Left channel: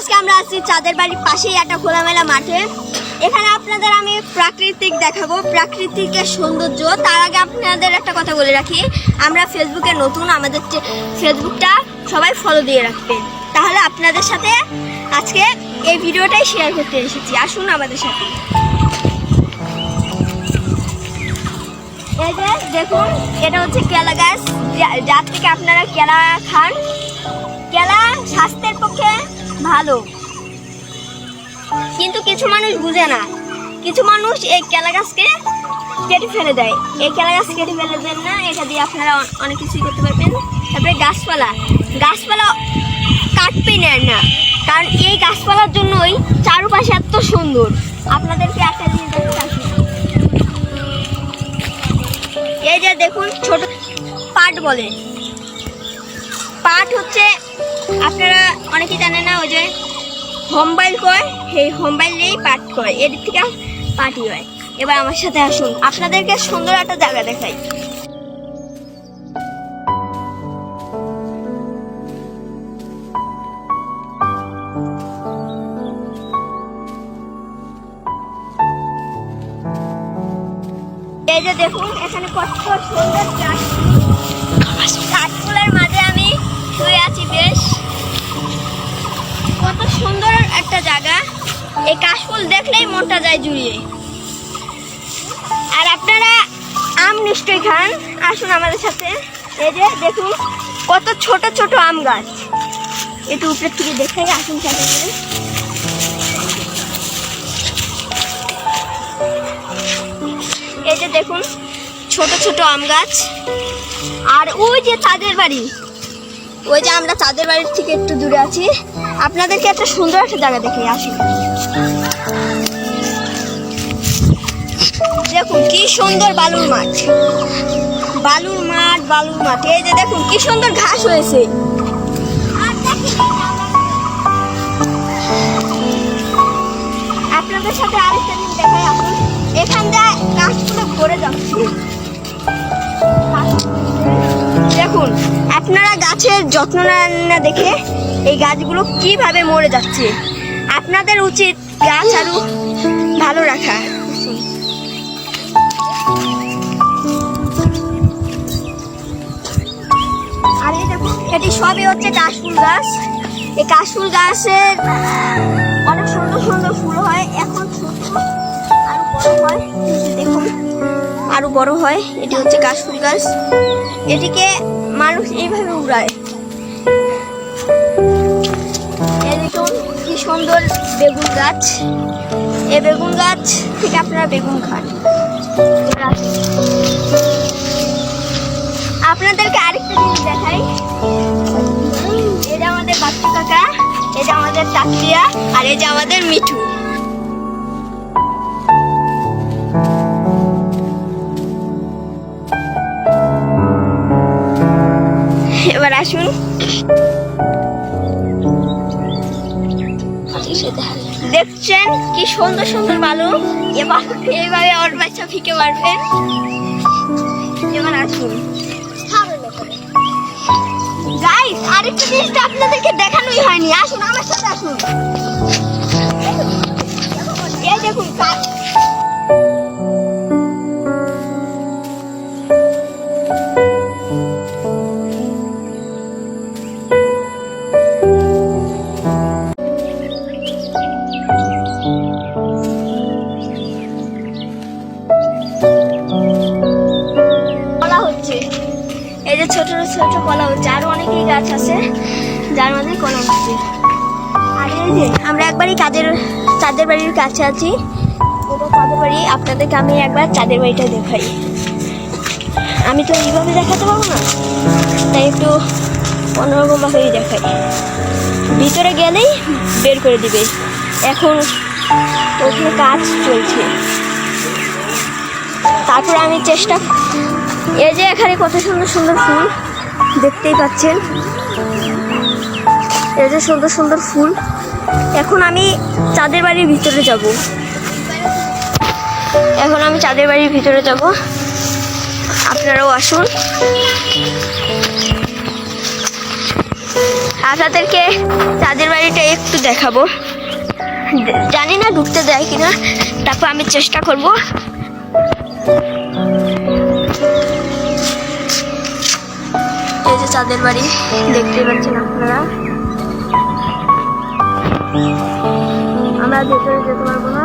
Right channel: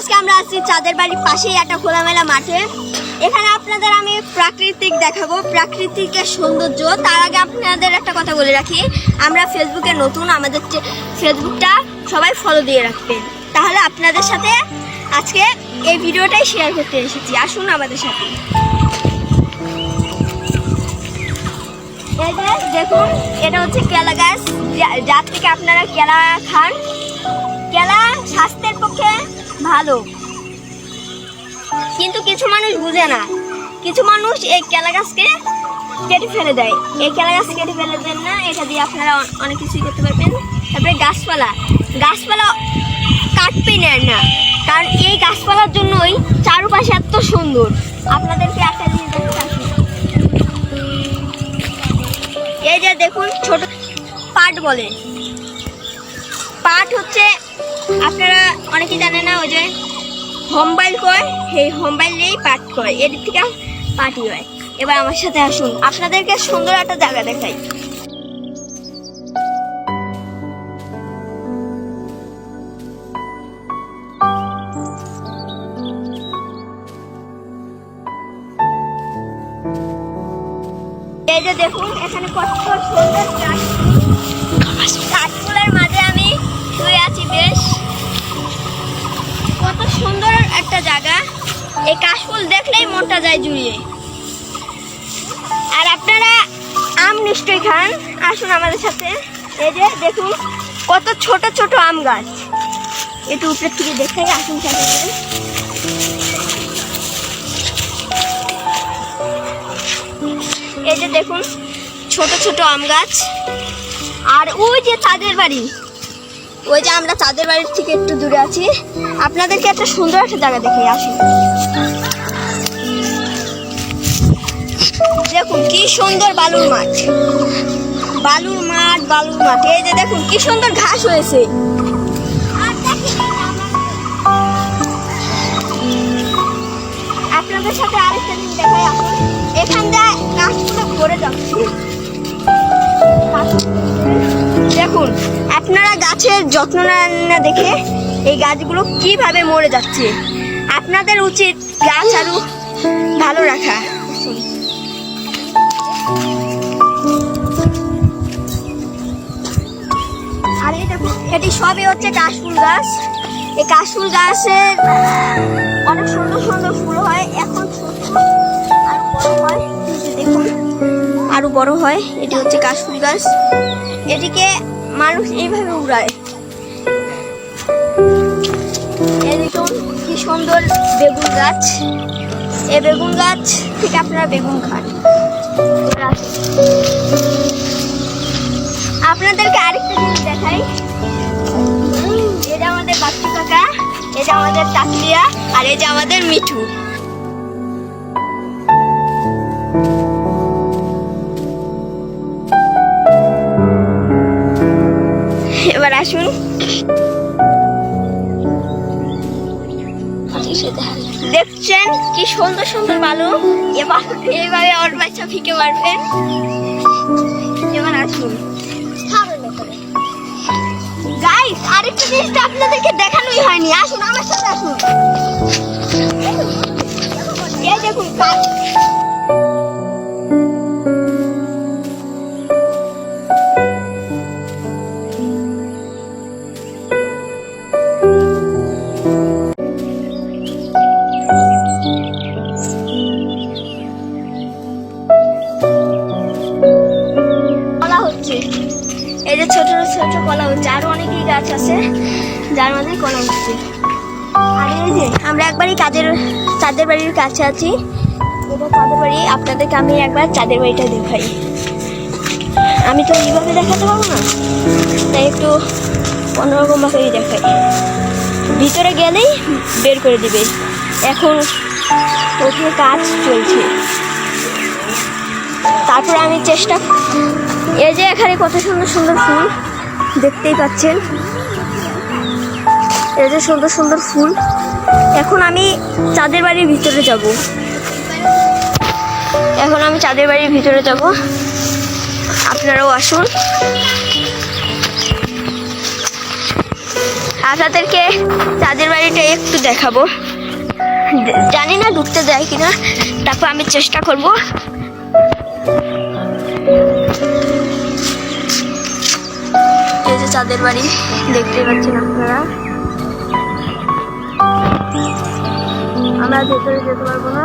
আজকে আমরা আছি চাঁদের বাড়ির পাশেই একটা খোলামেলা মাঠে। এখানে আপনাদের আমি প্রাকৃতিক দেখাবো, প্রাকৃতিকের সৌন্দর্য। তার আগে আপনাদের একটা কথা বলে রাখি, আমরা ফেসবুকে নতুন, আমাদের ফেসবুকটা সবাই ফলো দিয়ে রাখবেন। তাহলে আপনাদের সাথে আজকে এই ভিডিওটাই শেয়ার করতে এসেছি, আসুন আমাদের সাথে। এই যে দেখুন, এটা হচ্ছে কেলা গাছ, যার থেকে আপনারা কেলা খান। কেলা স্বাস্থ্যের পক্ষে ভালো, কিন্তু কিছু মানুষ বুঝে না। কিছু মানুষ এই কেলা গাছকে কেটে ফেলে দেয়। এই কেলা গাছ কেটে ফেলে দেন না, এটা দিয়ে আপনারা অনেক কিছুই করতে পারবেন। তারপরে গাছপালা কাটবে নেন না, কারণ এই গাছপালার জন্যই চারপাশে এত সুন্দর। আপনাদেরকে একটা জিনিস দেখতে আসি, এই যে দেখুন, ছোট পাট বলে। পাট হচ্ছে, আপনারা অনেকেই জানে না, ওই যে হোমবাইল কয়, সেই হোমবাইলেই পাট কয়, এর থেকে পাটই হয়। এবার আমার সাথে আসুন, আপনাদেরকে সুন্দর একটা জায়গা দেখাই। এই যে দেখুন, এখানে কত সুন্দর কাঠফুলের মাঝে আমি শুয়ে আছি। বেশ কত সুন্দর একটা জায়গা, এই কাশফুল দেখলেই মনটা যায় জুড়িয়ে। আর আপনারা আম নিশ্চয়ই খান, আসুন আমাদের সাথে। এই যে দেখুন, কত ছোট ছোট আম গাছ, একটু উপরের থেকে দেখাই, আসুন সাথে। এই যে দেখুন, ছোট ছোট আম গাছ। আর ওই যে চাঁদের বাড়ি, ওই যে আমরা চাঁদের বাড়ির থেকে একটু দূরে আছি। আপনাদেরকে একটা সুন্দর একটা জায়গা দেখে আসি। দেখুন কি সুন্দর বালুর মাঠ, বালুর মাঠ, বালুর মাঠ। এই যে দেখুন কি সুন্দর ঘাস হয়েছে। আপনাদের সাথে আরেকটা জিনিস দেখাই, আসুন। এখান দিয়ে গাছগুলো ভরে যাচ্ছে। দেখুন, আপনারা গাছের যত্ন না দেখে এই গাছগুলো কিভাবে মরে যাচ্ছে। আপনাদের উচিত গাছ আরো ভালো রাখা। আর এই দেখুন, এটি সবই হচ্ছে কাশফুল গাছ। এই কাশফুল গাছের অনেক সুন্দর সুন্দর ফুল হয়। এখন ছোট, আরো বড় হয়, দেখুন আরো বড় হয়। এটি হচ্ছে কাশফুল গাছ, এটিকে মানুষ এইভাবে উড়ায়। এই দেখুন কি সুন্দর বেগুন গাছ, এই বেগুন গাছ থেকে আপনারা বেগুন খান। আপনাদেরকে আরেকটা জিনিস দেখাই, এই যে আমাদের বাচ্চু কাকা, এই যে আমাদের চাকরিয়া, আর এই যে আমাদের মিঠু। এবার আসুন, দেখছেন কি সুন্দর সুন্দর বালু। এবার এইভাবে ওর বাচ্চা ফিকে মারবেন। এবার আসুন, গাইস, আরেকটা জিনিসটা আপনাদেরকে দেখানোই হয়নি, আসুন আমার সাথে আসুন। এই দেখুন, এই যে ছোট ছোট কলা হচ্ছে, আরো অনেকই গাছ আছে যার মধ্যে কলা হচ্ছে। আর এই যে আমরা একবারই চাঁদের বাড়ির কাছে আছি, এটা চাঁদের বাড়ি। আপনাদেরকে আমি একবার চাঁদের বাড়িটা দেখাই। আমি তো এইভাবে দেখাতে পারবো না, তাই একটু অন্যরকম ভাবেই দেখাই। ভিতরে গেলেই বের করে দিবে, এখন ওখানে কাজ চলছে। তারপরে আমি চেষ্টা, এই যে এখানে কত সুন্দর সুন্দর ফুল দেখতেই পাচ্ছেন, এই যে সুন্দর সুন্দর ফুল। এখন আমি চাঁদের বাড়ির ভিতরে যাব, আপনারাও আসুন। আপনাদেরকে চাঁদের বাড়িটা একটু দেখাবো। জানি না ঢুকতে দেয় কিনা, তারপর আমি চেষ্টা করব। এই যে চাঁদের বাড়ি, দেখতে পাচ্ছেন আপনারা। আমরা ভেতরে যেতে পারবো না।